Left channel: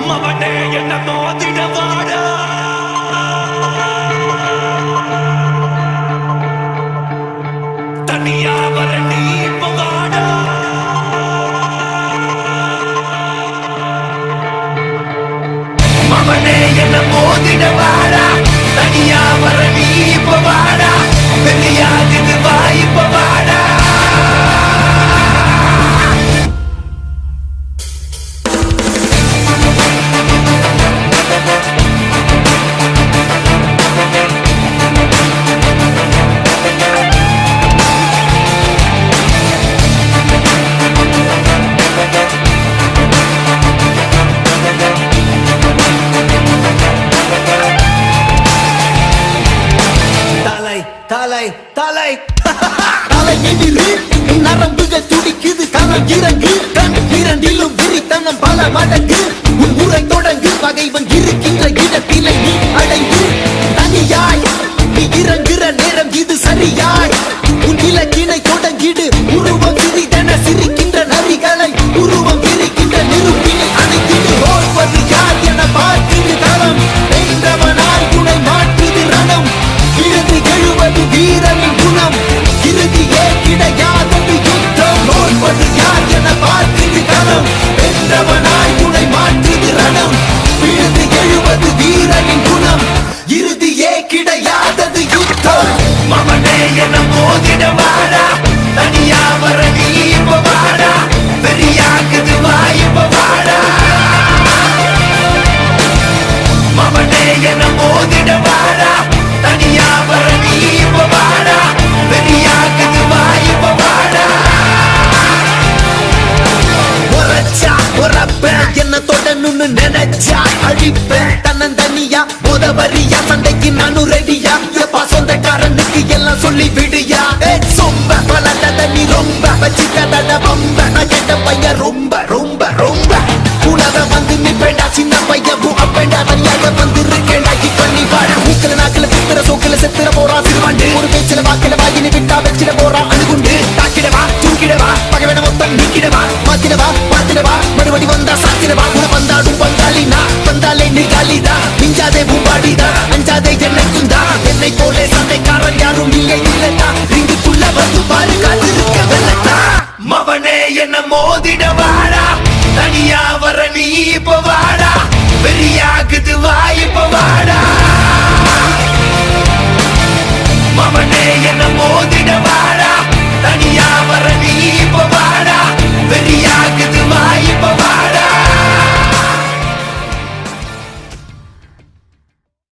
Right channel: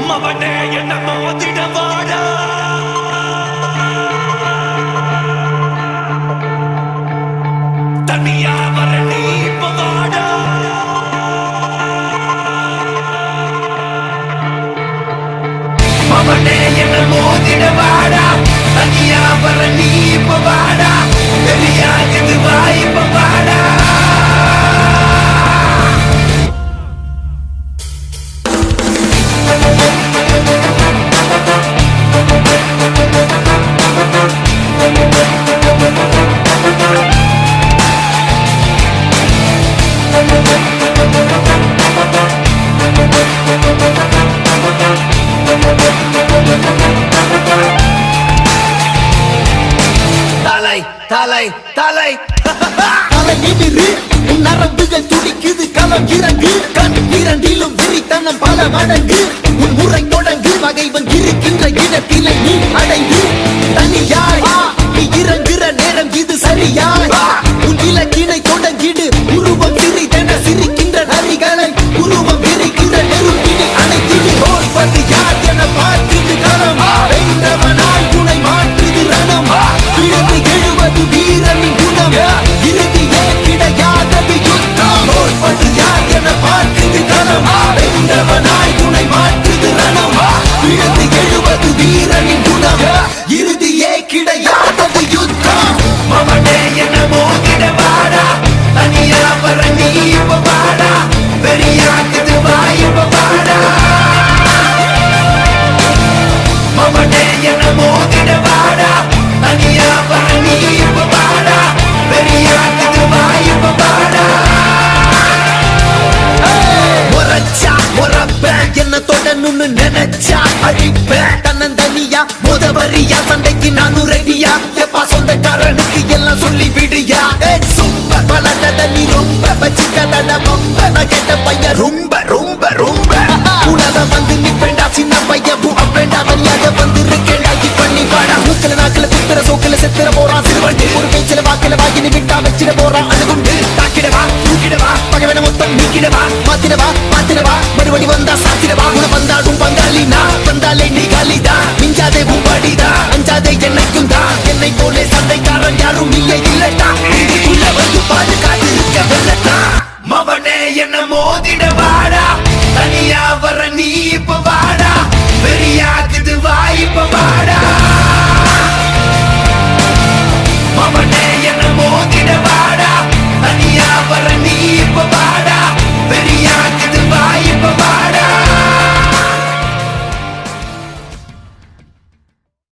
மவனே என்ன மோதிடவாடா தனியா வர நீ பவாடா மவனே என்ன மோதிடவாடா தனியா வர நீ பவாடா பெரியாகுது வாய்ப்பு வாடா தலை தலை தலையினிரு நரம்புகள் துடிக்குது களம் இறங்கு கண் இரண்டிலும் விரித்தனம் பல மடங்கு உன் முறை தொடங்கு பகைவன் இருக்கின்ற இடத்திலே நீ அடைந்து தனியாய் நீ இறங்குற நேரம் இது சரியாய் உன் இலக்கினை தொடங்கிடு உருவம் சிறிதென சிரிக்கின்ற நரிகளை உருவம் விரிக்கின்ற நெருப்பினை அணைத்திடு தோற்பது யார் என பார்க்குது களம் வென்றவனாய் துணை மாற்றுது ரணம் விழுந்து எழுவது வீரனின் குணம் இறுதியே கிடையாதது யுத்தம் தோற்பது யார் என பார்க்குது களம் வென்றவனாய் துணை மாற்றுது ரணம் விழுந்து எழுவது வீரனின் குணம் இறுதியே கிடையாதது யுத்தம் மவனே என்ன மோதிடவாடா தனியா வர நீ பவாடா பெரியாகுது வாய்ப்பு வாடா மவனே என்ன மோதிடவாடா தனியா வர நீ பவாடா பெரியாகுது வாய்ப்பு வாடா முறைச்சா முறப்பேன் என்ன தொடணும்னு நினைச்சா அழிப்பேன் தன்னந்தனியா முதவரியா சண்டைக்கு நானும் ரெடியா எப்பா சொந்தக்காரனுக்கு எல்லாம் சொல்லி விடுயா சொம்ப பலட்டத நீ ரொம்ப வச்சுக்கதட ரொம்ப நான் கேட்ட பையன் ரொம்ப ரொம்ப ரொம்ப உலக வந்து நிப்பேண்டா சின்ன பையன் அப்பேண்டா தனியாக வந்து இருக்கேண்டா இப்ப நீ வாடா மூக்கல நாக்கல குத்துற சோக்கல செத்துற போறான் சிறுவண்டு ஒரு பேச்சில வாக்கில வாயினு விட்டா வச்சிட போறான் அணுகுண்டு தாக்கிடவா தூக்கிடவா பகவன மொத்தம் நீக்கிடவா மாத்திடவா மறுபடி வந்தா சாத்திடவா குண வந்தாடும் பங்காளி நான் வந்தாலே நீ காலிதா மிஞ்சாதே பூம்பாடிதா அஞ்சாதே என்னைக்கும் தான் என்னை போலே சண்டைக்காரன் யாரும் இல்லை இல்லடா இதுக்குள்ள வந்து பாருக்கா